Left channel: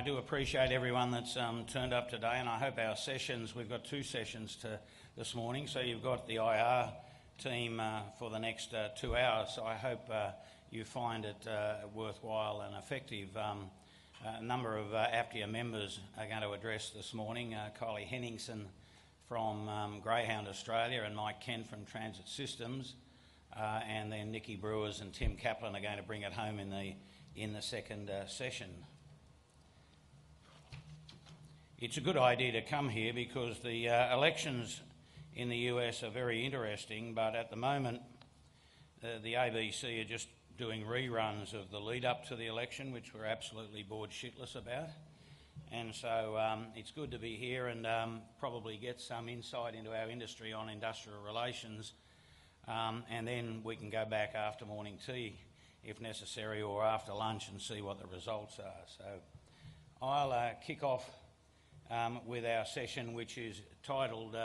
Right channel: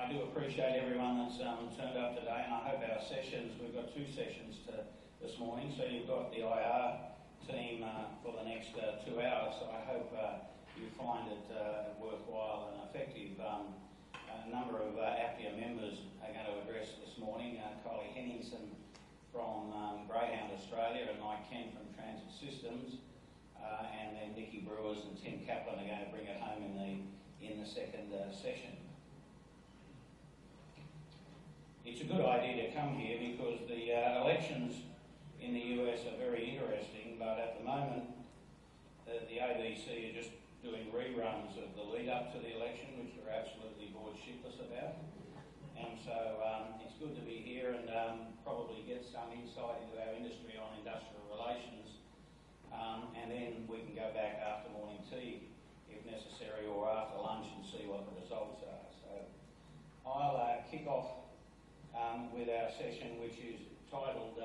I do appreciate everyone that's turned up today, and I hope our sessions, we've got 2 sessions this morning, so you've got the IR team for the next 2 hours, so I hope you find it worthwhile and effective. A number of APTIA members are going to address this morning. Kylie Henningson from Greyhound Australia and Mike Kent from Transit Systems, and then Nikki Brewers and Tim Kaplan are going to bring it home in the second session. It's a good idea to come here because the elections in the US are very interesting, but at the moment the ABC are just doing reruns of the lead up to the election, which we're absolutely bored shitless about. And so it's good to be here and probably get some insight into our industry on industrial relations, and then we can go back after morning tea if necessary, or after lunch, and see what the results are. So I'll kick off with our session, which is titled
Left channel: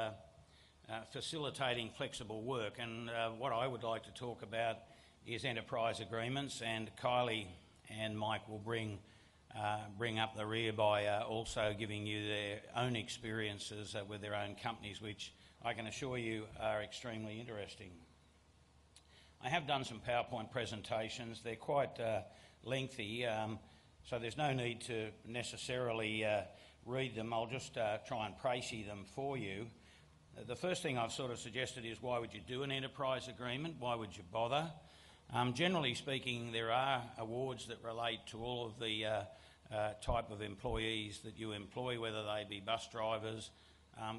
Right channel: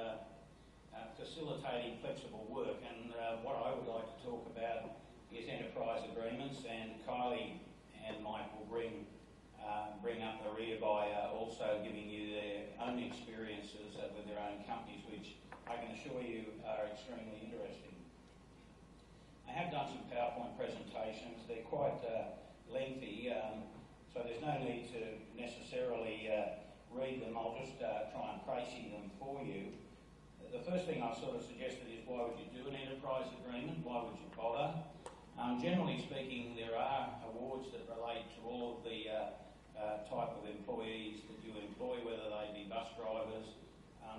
Facilitating Flexible Work, and what I would like to talk about is enterprise agreements, and Kylie and Mike will bring up the rear by also giving you their own experiences with their own companies, which I can assure you are extremely interesting. I have done some PowerPoint presentations. They're quite lengthy, so there's no need to necessarily read them. I'll just try and précis them for you. The first thing I've sort of suggested is, why would you do an enterprise agreement? Why would you bother? Generally speaking, there are awards that relate to all of the type of employees that you employ, whether they be bus drivers,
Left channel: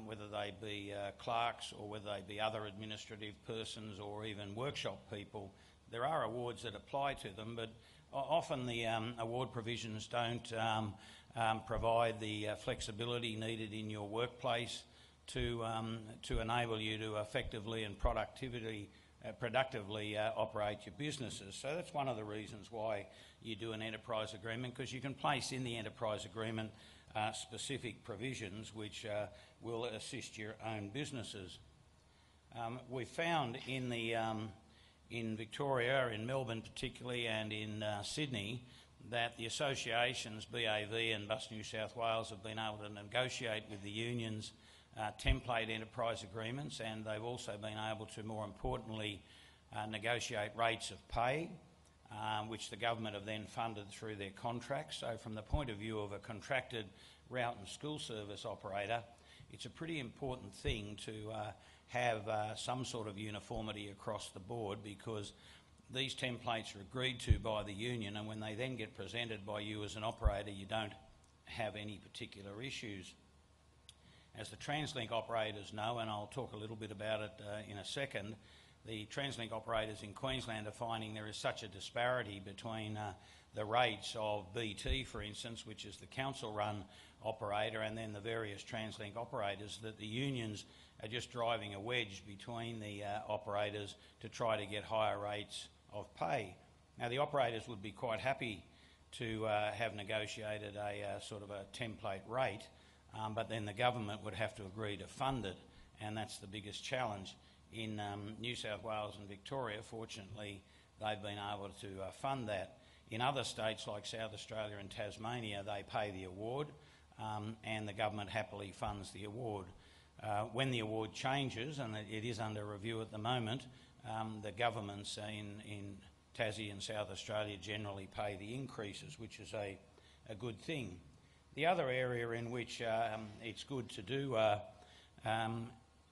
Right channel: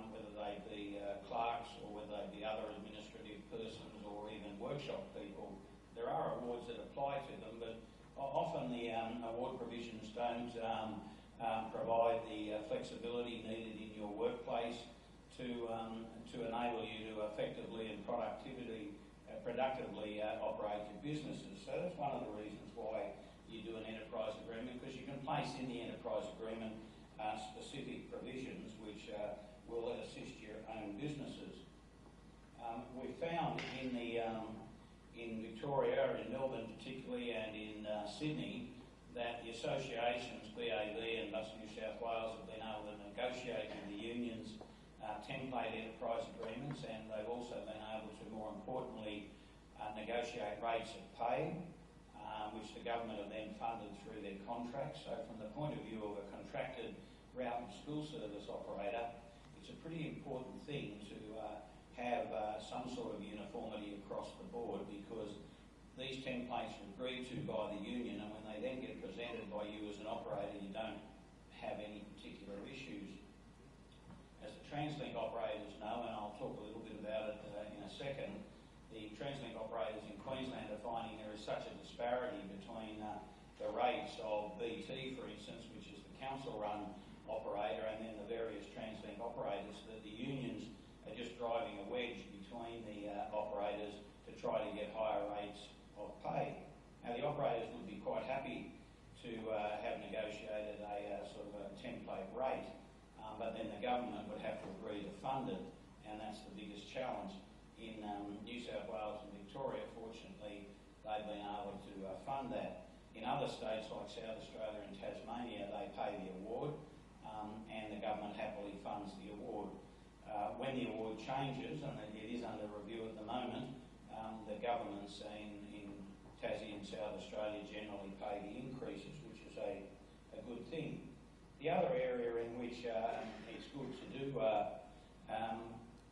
whether they be clerks, or whether they be other administrative persons, or even workshop people. There are awards that apply to them, but often the award provisions don't provide the flexibility needed in your workplace to enable you to effectively and productively operate your businesses. So that's one of the reasons why you do an enterprise agreement, because you can place in the enterprise agreement specific provisions which will assist your own businesses. We found in Victoria, in Melbourne particularly, and in Sydney, that the associations, BAV and Bus New South Wales, have been able to negotiate with the unions template enterprise agreements, and they've also been able to, more importantly, negotiate rates of pay, which the government have then funded through their contracts. So from the point of view of a contracted route and school service operator, it's a pretty important thing to have some sort of uniformity across the board, because these templates are agreed to by the union, and when they then get presented by you as an operator, you don't have any particular issues. As the TransLink operators know, and I'll talk a little bit about it in a second, the TransLink operators in Queensland are finding there is such a disparity between the rates of BT, for instance, which is the council-run operator, and then the various TransLink operators, that the unions are just driving a wedge between the operators to try to get higher rates of pay. Now, the operators would be quite happy to have negotiated a sort of a template rate, but then the government would have to agree to fund it, and that's the biggest challenge. In New South Wales and Victoria, fortunately, they've been able to fund that. In other states like South Australia and Tasmania, they pay the award, and the government happily funds the award. When the award changes, and it is under review at the moment, the governments in Tassie and South Australia generally pay the increases, which is a good thing. The other area in which it's good to do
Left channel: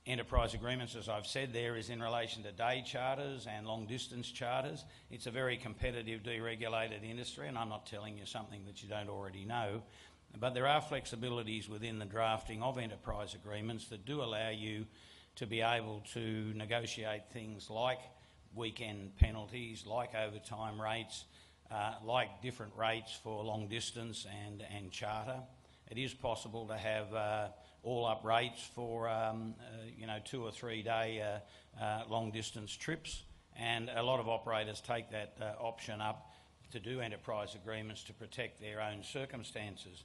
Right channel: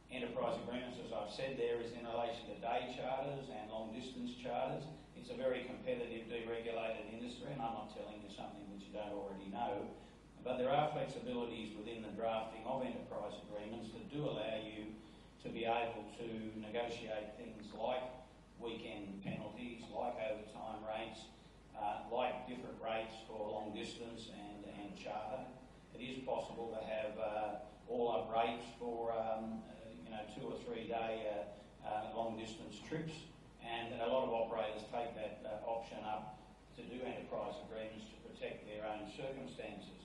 enterprise agreements, as I've said there, is in relation to day charters and long distance charters. It's a very competitive, deregulated industry, and I'm not telling you something that you don't already know, but there are flexibilities within the drafting of enterprise agreements that do allow you to be able to negotiate things like weekend penalties, like overtime rates, like different rates for long distance and charter. It is possible to have all-up rates for 2 or 3 day long distance trips, and a lot of operators take that option up to do enterprise agreements to protect their own circumstances.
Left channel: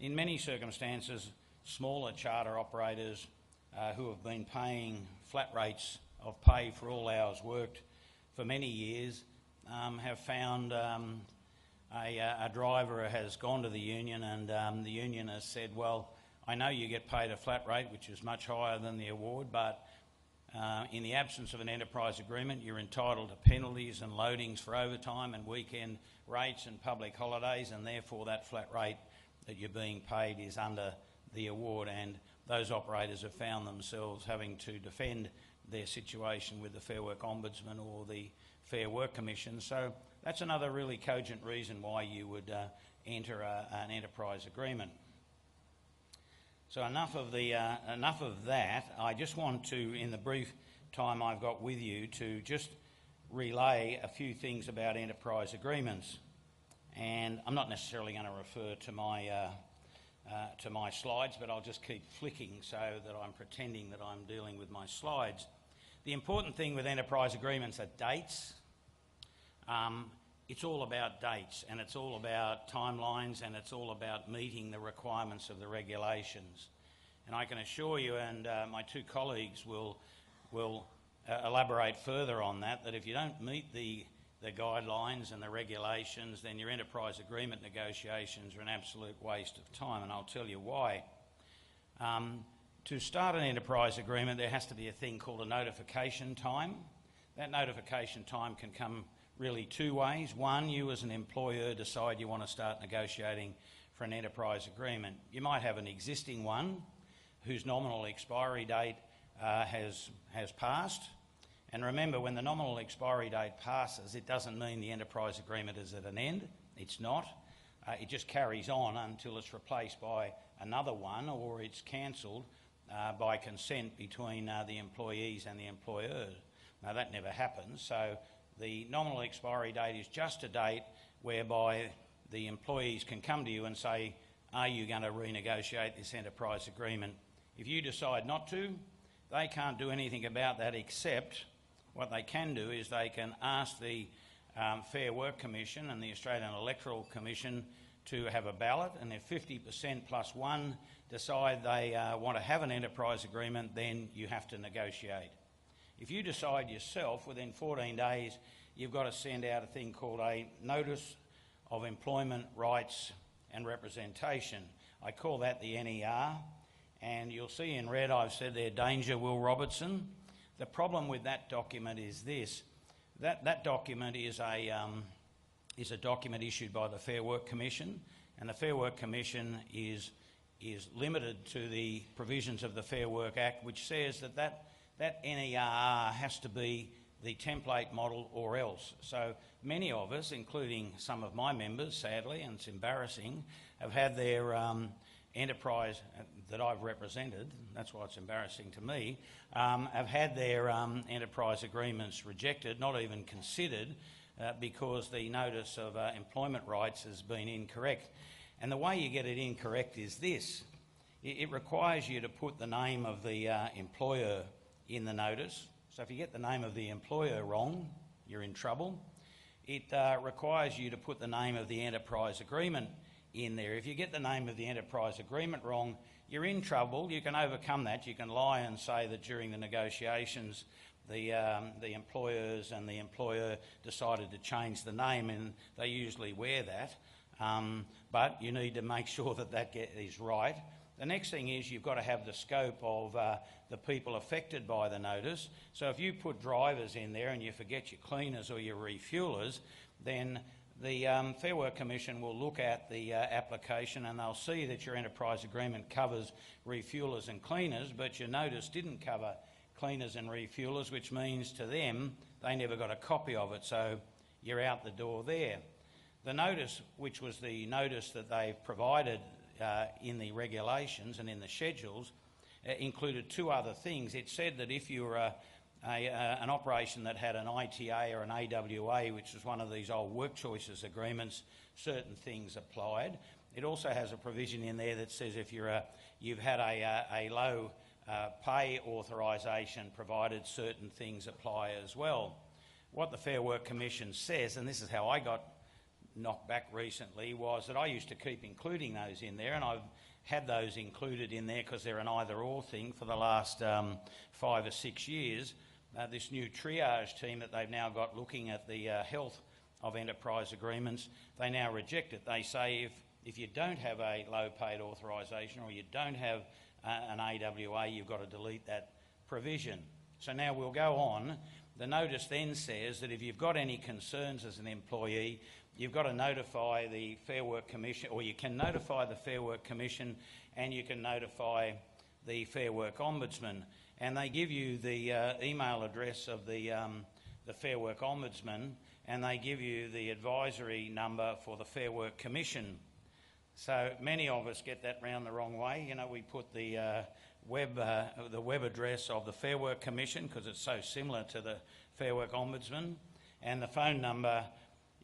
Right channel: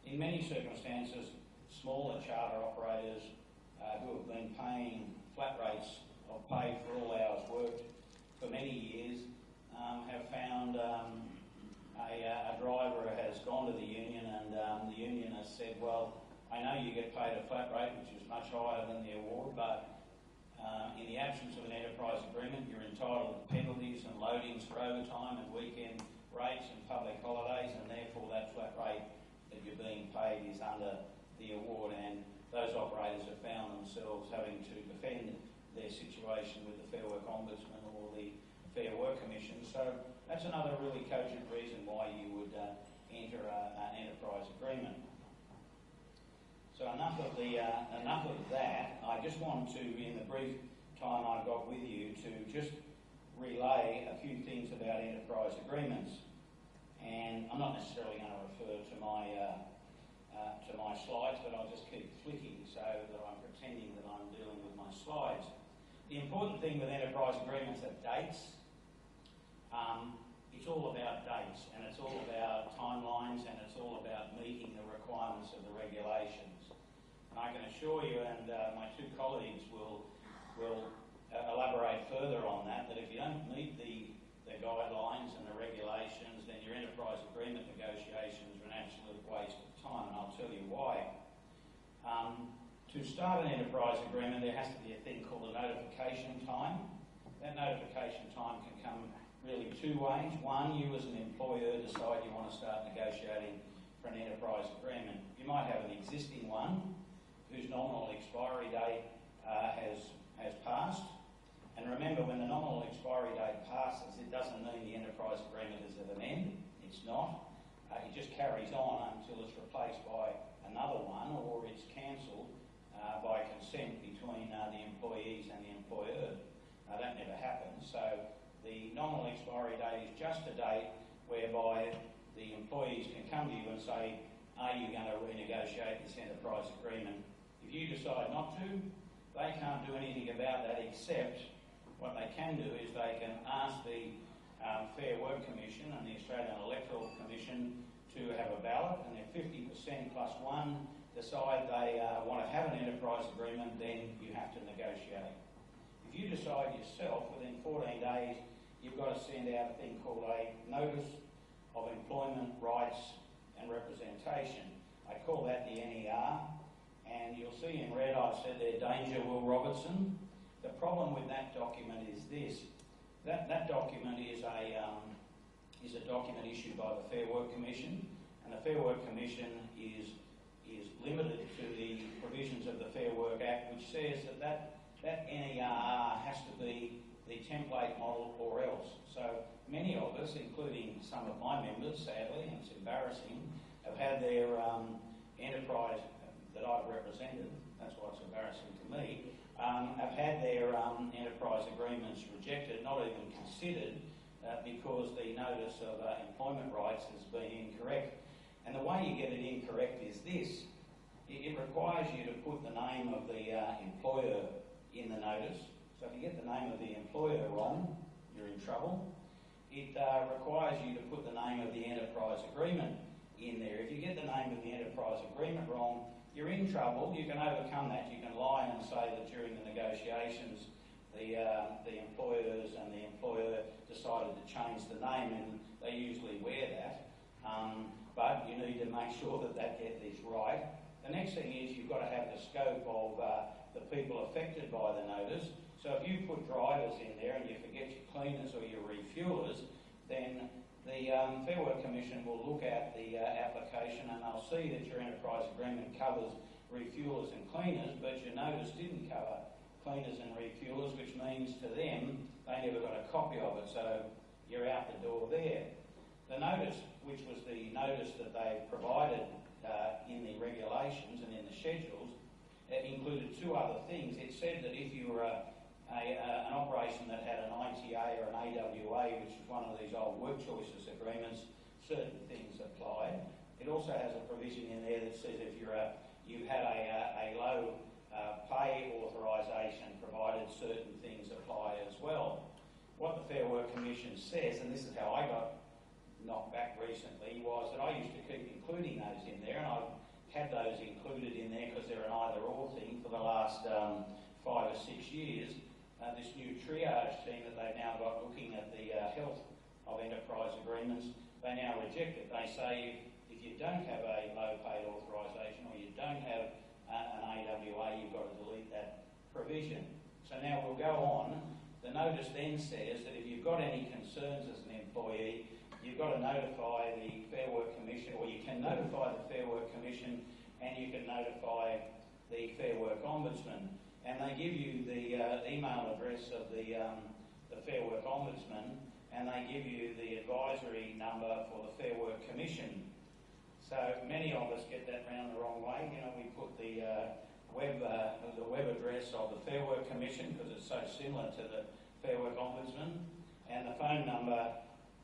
In many circumstances, smaller charter operators who have been paying flat rates of pay for all hours worked for many years have found a driver has has gone to the union, and the union has said, well, I know you get paid a flat rate, which is much higher than the award, but in the absence of an enterprise agreement, you're entitled to penalties and loadings for overtime and weekend rates and public holidays, and therefore that flat rate that you're being paid is under the award. And those operators have found themselves having to defend their situation with the Fair Work Ombudsman or the Fair Work Commission. So that's another really cogent reason why you would enter an enterprise agreement. So enough of that. I just want to, in the brief time I've got with you, to just relay a few things about enterprise agreements. And I'm not necessarily going to refer to my slides, but I'll just keep flicking so that I'm pretending that I'm dealing with my slides. The important thing with enterprise agreements are dates. It's all about dates, and it's all about timelines, and it's all about meeting the requirements of the regulations. And I can assure you, and my two colleagues will elaborate further on that, that if you don't meet the guidelines and the regulations, then your enterprise agreement negotiations are an absolute waste of time, and I'll tell you why. To start an enterprise agreement, there has to be a thing called a notification time. That notification time can come really two ways. One, you as an employer decide you want to start negotiating for an enterprise agreement. You might have an existing one whose nominal expiry date has passed. And remember, when the nominal expiry date passes, it doesn't mean the enterprise agreement is at an end. It's not. It just carries on until it's replaced by another one, or it's cancelled by consent between the employees and the employer. Now, that never happens. So the nominal expiry date is just a date whereby the employees can come to you and say, are you going to renegotiate this enterprise agreement? If you decide not to, they can't do anything about that, except what they can do is they can ask the Fair Work Commission and the Australian Electoral Commission to have a ballot, and if 50% plus one decide they want to have an enterprise agreement, then you have to negotiate. If you decide yourself, within 14 days, you've got to send out a thing called a Notice of Employment Rights and Representation. I call that the NER, and you'll see in red I've said there, danger, Will Robertson. The problem with that document is this. That document is a document issued by the Fair Work Commission, and the Fair Work Commission is limited to the provisions of the Fair Work Act, which says that NER has to be the template model or else. So many of us, including some of my members, sadly, and it's embarrassing, have had their enterprise that I've represented, that's why it's embarrassing to me, have had their enterprise agreements rejected, not even considered, because the notice of employment rights has been incorrect. And the way you get it incorrect is this. It requires you to put the name of the employer in the notice. So if you get the name of the employer wrong, you're in trouble. It requires you to put the name of the enterprise agreement in there. If you get the name of the enterprise agreement wrong, you're in trouble. You can overcome that. You can lie and say that during the negotiations the employers and the employer decided to change the name, and they usually wear that. But you need to make sure that is right. The next thing is you've got to have the scope of the people affected by the notice. So if you put drivers in there and you forget your cleaners or your refuelers, then the Fair Work Commission will look at the application and they'll see that your enterprise agreement covers refuelers and cleaners, but your notice didn't cover cleaners and refuelers, which means to them they never got a copy of it, so you're out the door there. The notice, which was the notice that they've provided in the regulations and in the schedules, included two other things. It said that if you were an operation that had an ITA or an AWA, which is one of these old work choices agreements, certain things applied. It also has a provision in there that says if you've had a low pay authorisation provided, certain things apply as well. What the Fair Work Commission says, and this is how I got knocked back recently, was that I used to keep including those in there, and I've had those included in there because they're an either-or thing for the last 5 or 6 years. This new triage team that they've now got looking at the health of enterprise agreements, they now reject it. They say If you don't have a low paid authorisation or you don't have an AWA, you've got to delete that provision. So now we'll go on. The notice then says that if you've got any concerns as an employee, you've got to notify the Fair Work Commission, or you can notify the Fair Work Commission and you can notify the Fair Work Ombudsman. And they give you the email address of the Fair Work Ombudsman, and they give you the advisory number for the Fair Work Commission. So many of us get that round the wrong way. You know, we put the web address of the Fair Work Commission because it's so similar to the Fair Work Ombudsman, and the phone number.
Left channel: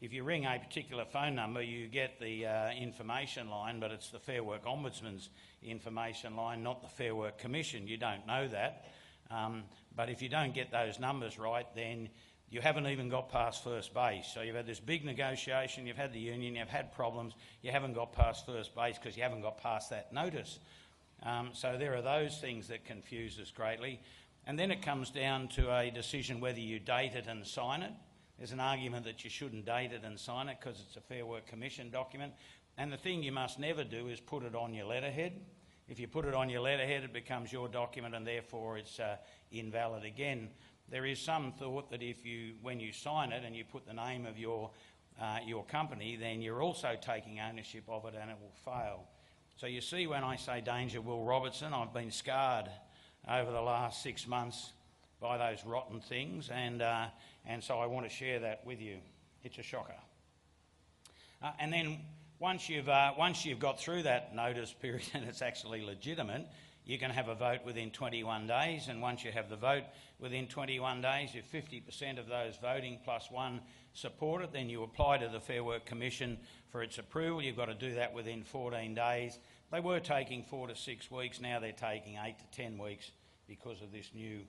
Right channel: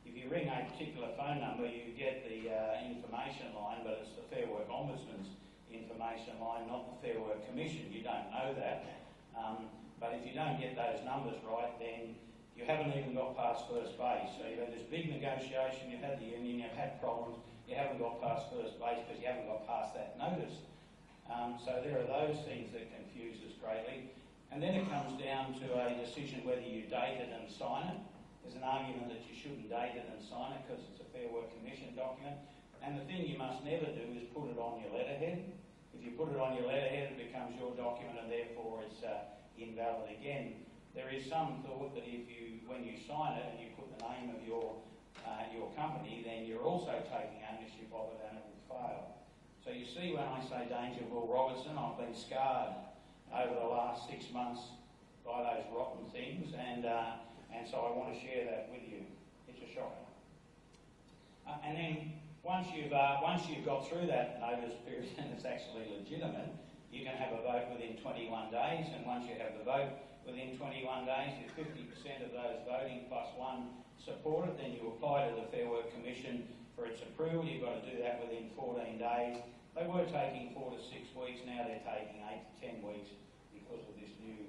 If you ring a particular phone number, you get the information line, but it's the Fair Work Ombudsman's information line, not the Fair Work Commission. You don't know that. But if you don't get those numbers right, then you haven't even got past first base. So you've had this big negotiation, you've had the union, you've had problems, you haven't got past first base because you haven't got past that notice. So there are those things that confuse us greatly. And then it comes down to a decision whether you date it and sign it. There's an argument that you shouldn't date it and sign it because it's a Fair Work Commission document. And the thing you must never do is put it on your letterhead. If you put it on your letterhead, it becomes your document and therefore it's invalid again. There is some thought that if you, when you sign it and you put the name of your company, then you're also taking ownership of it and it will fail. So you see, when I say danger, Will Robertson, I've been scarred over the last 6 months by those rotten things, and so I want to share that with you. It's a shocker. And then once you've got through that notice period and it's actually legitimate, you can have a vote within 21 days, and once you have the vote within 21 days, if 50% of those voting plus one support it, then you apply to the Fair Work Commission for its approval. You've got to do that within 14 days. They were taking 4 to 6 weeks, now they're taking 8 to 10 weeks because of this new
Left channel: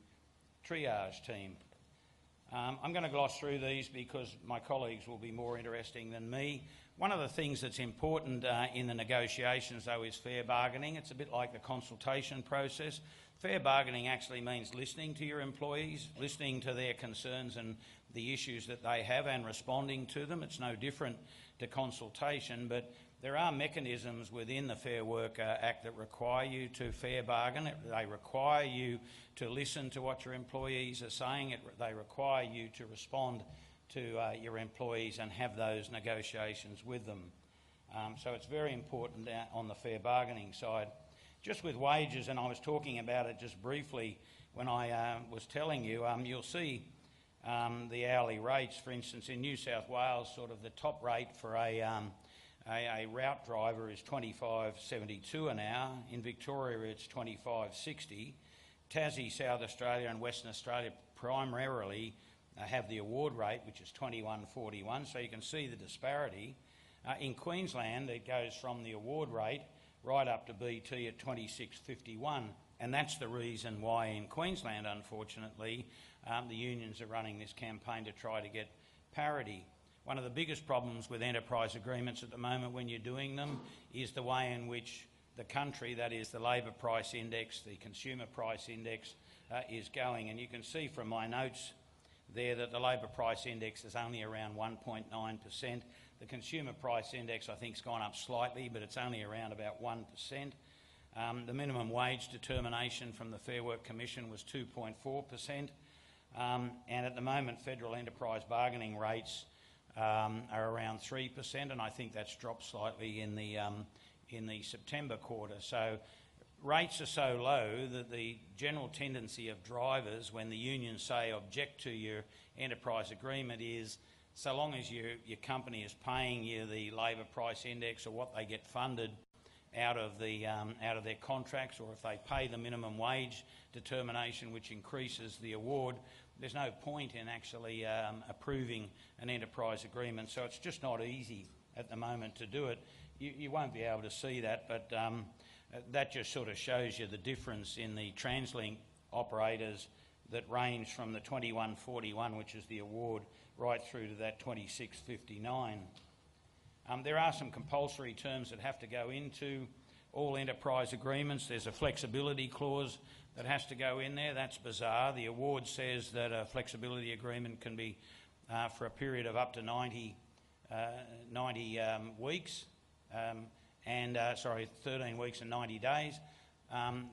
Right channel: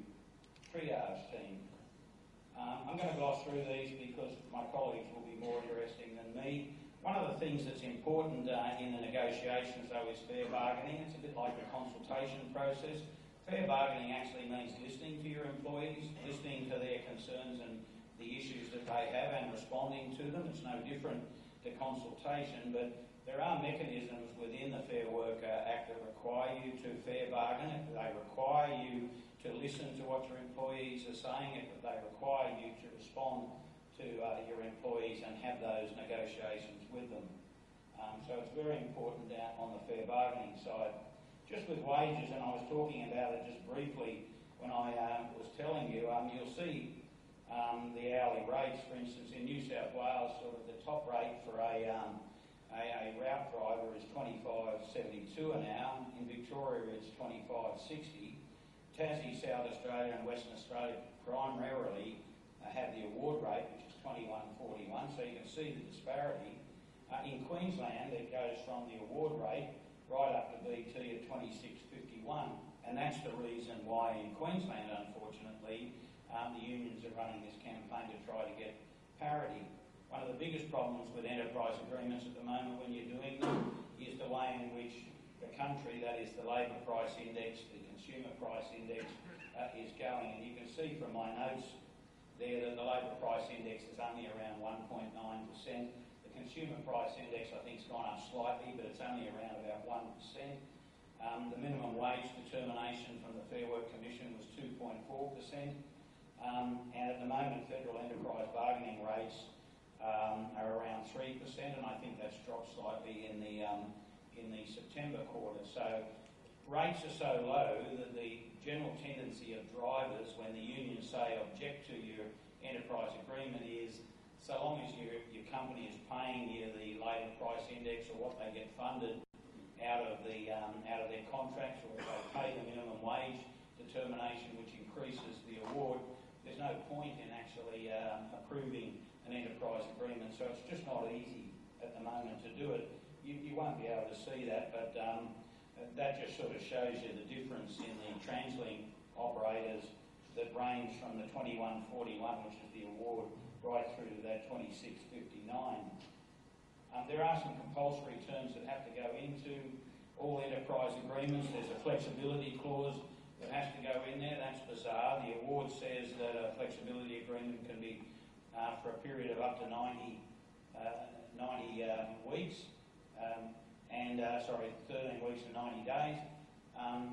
triage team. I'm going to gloss through these because my colleagues will be more interesting than me. One of the things that's important in the negotiations, though, is fair bargaining. It's a bit like the consultation process. Fair bargaining actually means listening to your employees, listening to their concerns and the issues that they have and responding to them. It's no different to consultation, but there are mechanisms within the Fair Work Act that require you to fair bargain. They require you to listen to what your employees are saying. They require you to respond to your employees and have those negotiations with them. So it's very important on the fair bargaining side. Just with wages, and I was talking about it just briefly when I was telling you, you'll see the hourly rates. For instance, in New South Wales, sort of the top rate for a route driver is $25.72 an hour. In Victoria, it's $25.60. Tassie, South Australia and Western Australia primarily have the award rate, which is $21.41, so you can see the disparity. In Queensland, it goes from the award rate right up to BT at $26.51, and that's the reason why in Queensland, unfortunately, the unions are running this campaign to try to get parity. One of the biggest problems with enterprise agreements at the moment when you're doing them is the way in which the country, that is the labour price index, the consumer price index, is going. And you can see from my notes there that the labour price index is only around 1.9%. The consumer price index, I think, has gone up slightly, but it's only around about 1%. The minimum wage determination from the Fair Work Commission was 2.4%. And at the moment, federal enterprise bargaining rates are around 3%, and I think that's dropped slightly in the September quarter. So rates are so low that the general tendency of drivers, when the unions say object to your enterprise agreement, is so long as your company is paying you the labour price index or what they get funded out of their contracts, or if they pay the minimum wage determination, which increases the award, there's no point in actually approving an enterprise agreement. So it's just not easy at the moment to do it. You won't be able to see that, but that just sort of shows you the difference in the TransLink operators that range from the 21.41, which is the award, right through to that 26.59. There are some compulsory terms that have to go into all enterprise agreements. There's a flexibility clause that has to go in there. That's bizarre. The award says that a flexibility agreement can be for a period of up to 90 weeks. 13 weeks and 90 days.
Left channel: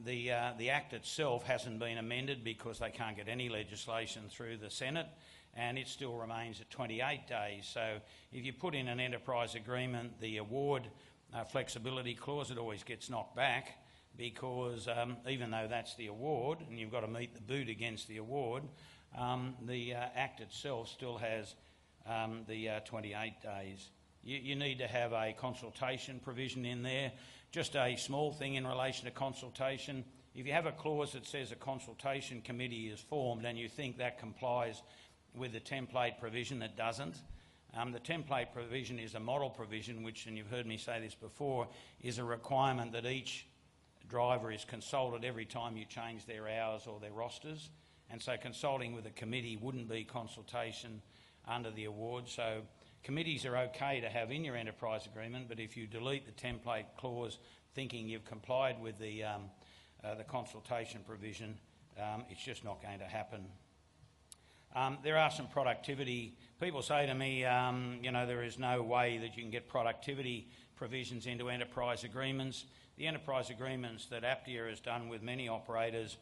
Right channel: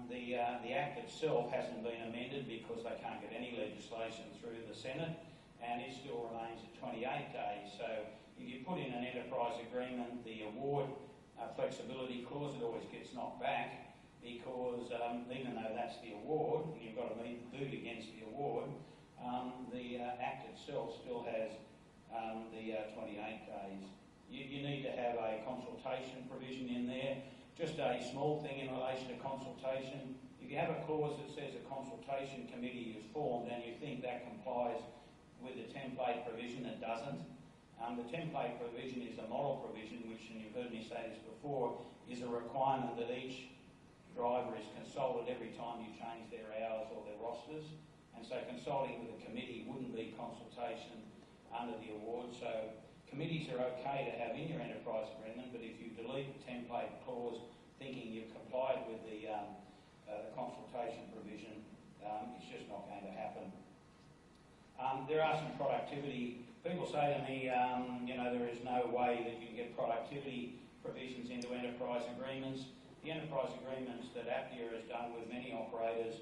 The Act itself hasn't been amended because they can't get any legislation through the Senate, and it still remains at 28 days. So if you put in an enterprise agreement, the award flexibility clause, it always gets knocked back because even though that's the award and you've got to meet the boot against the award, the Act itself still has the 28 days. You need to have a consultation provision in there. Just a small thing in relation to consultation. If you have a clause that says a consultation committee is formed and you think that complies with the template provision, it doesn't. The template provision is a model provision which, and you've heard me say this before, is a requirement that each driver is consulted every time you change their hours or their rosters. And so consulting with a committee wouldn't be consultation under the award. So committees are okay to have in your enterprise agreement, but if you delete the template clause thinking you've complied with the consultation provision, it's just not going to happen. There are some productivity. People say to me, there is no way that you can get productivity provisions into enterprise agreements. The enterprise agreements that APPIA has done with many operators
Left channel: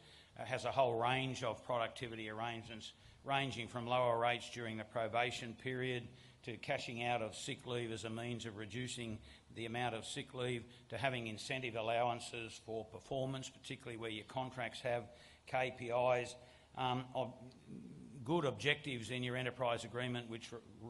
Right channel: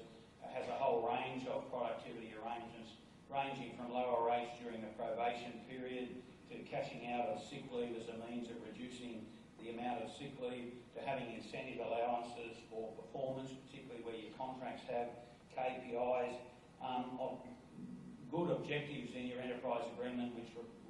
has a whole range of productivity arrangements, ranging from lower rates during the probation period to cashing out of sick leave as a means of reducing the amount of sick leave, to having incentive allowances for performance, particularly where your contracts have KPIs, good objectives in your enterprise agreement,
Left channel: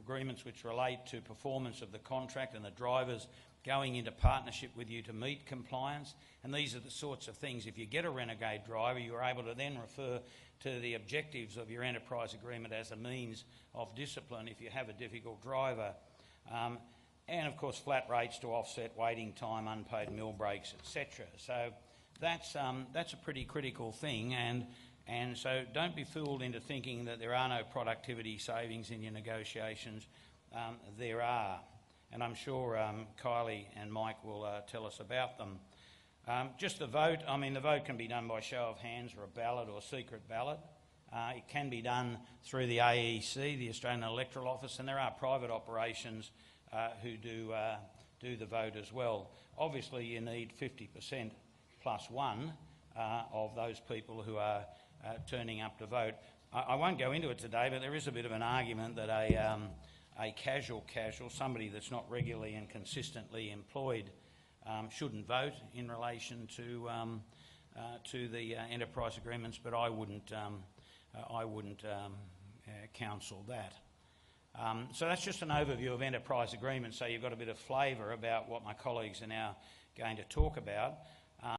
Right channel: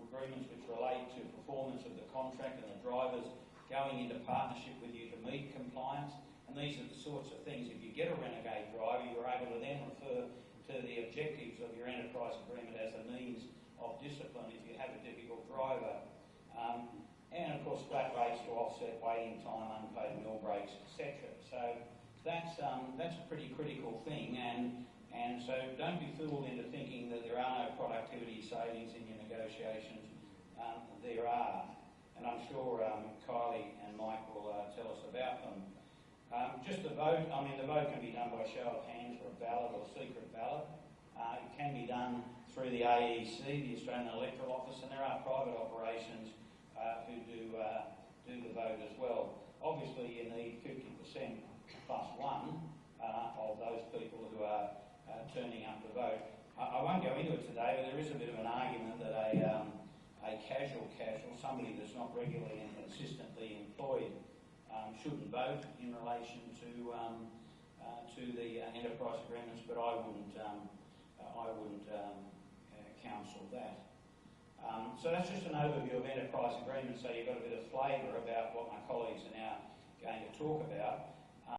agreements which relate to performance of the contract and the drivers going into partnership with you to meet compliance. And these are the sorts of things, if you get a renegade driver, you're able to then refer to the objectives of your enterprise agreement as a means of discipline if you have a difficult driver. And of course flat rates to offset waiting time, unpaid meal breaks, etc. So that's a pretty critical thing, and so don't be fooled into thinking that there are no productivity savings in your negotiations. There are, and I'm sure Kylie and Mike will tell us about them. Just the vote, the vote can be done by show of hands or a ballot or secret ballot. It can be done through the AEC, the Australian Electoral Office, and there are private operations who do the vote as well. Obviously you need 50% plus one of those people who are turning up to vote. I won't go into it today, but there is a bit of an argument that a casual, somebody that's not regularly and consistently employed shouldn't vote in relation to the enterprise agreements, but I wouldn't counsel that. So that's just an overview of enterprise agreements, so you've got a bit of flavour about what my colleagues are now going to talk about.